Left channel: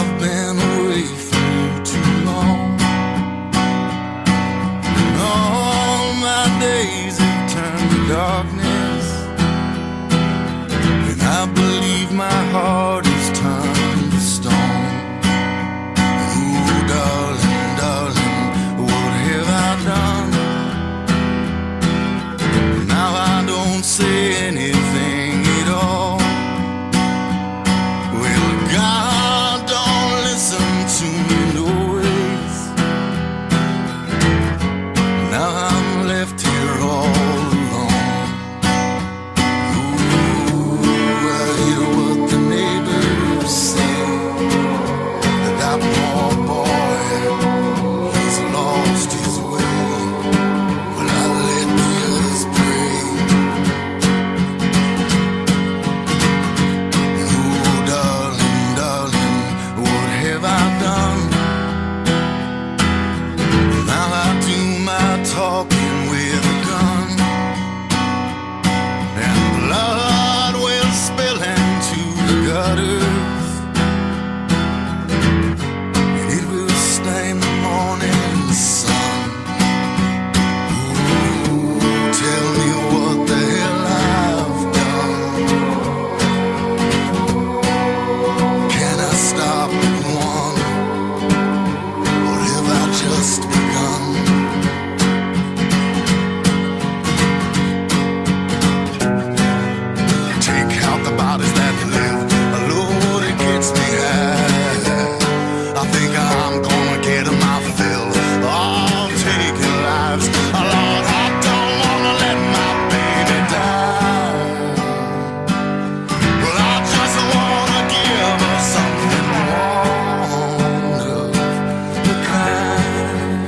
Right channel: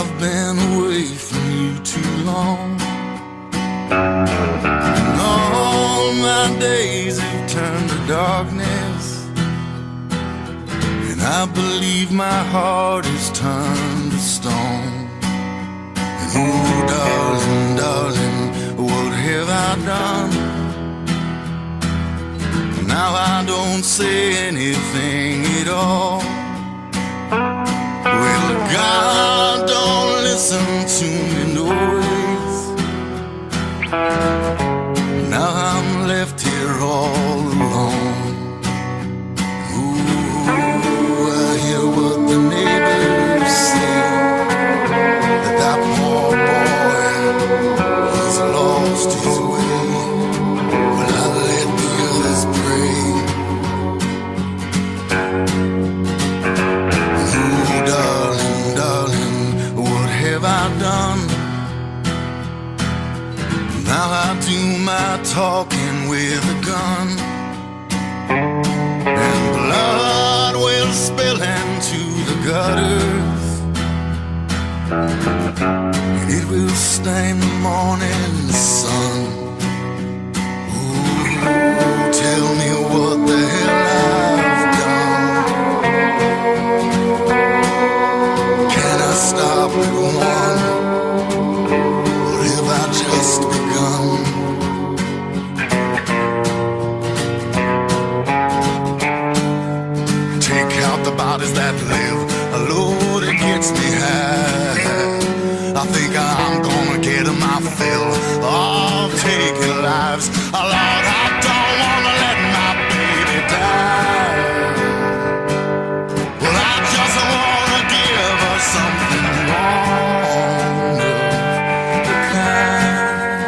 I've been away from you too long, and all my days have turned to darkness, and I believe my heart is turned to stone. And oh, darling, darling, what have I done? Now I don't say anything at all. Well, God don't listen to me no ways. Now I'm left here all alone. Ooh, I hear what the neighbors say, that poor boy, he's lost his way. Well, I let the others pray. Ooh, darling, darling, what have I done? Now I do my talking with a gun, and blood will spill into the gutters, and it will stain the morning sun. Ooh, tell me what the hell I've done. Can I stop at one, or have I just begun? Take out the bodies that live, Lord, it gets me high. I think I'm gonna get my fill of taking lives. Lord, I don't wanna let my baby die. Well, I just wanna give her something one of a kind.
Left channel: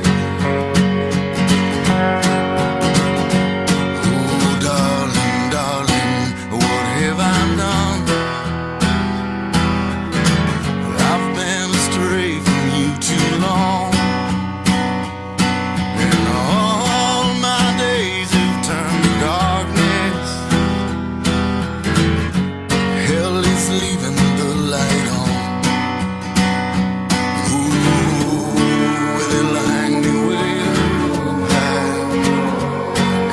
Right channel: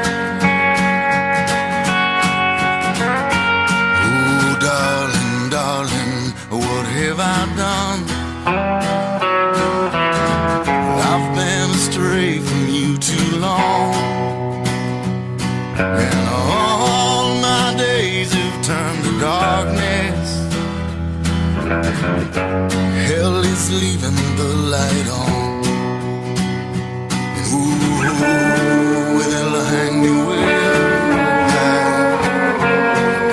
Oh, darling, darling, what have I done? I've been astray from you too long, and all my days have turned to darkness. Hell is leaving the light on. Ooh, it'll hang me way high.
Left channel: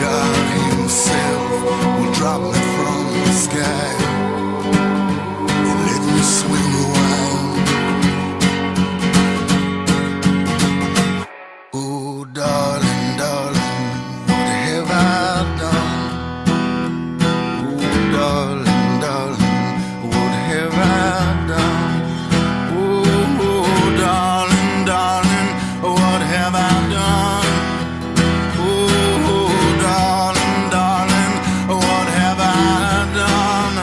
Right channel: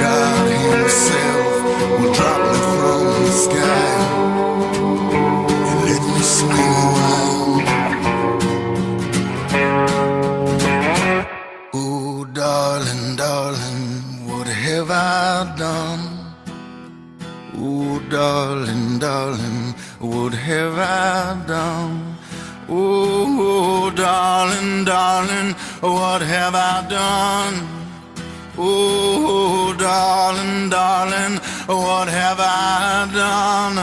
God himself will drop me from the sky and let me swing a while. Oh, darling, darling, what have I done? Oh, darling, darling, what have I done? Oh, darling, darling, what have I done? Oh, darling, darling, what have I done?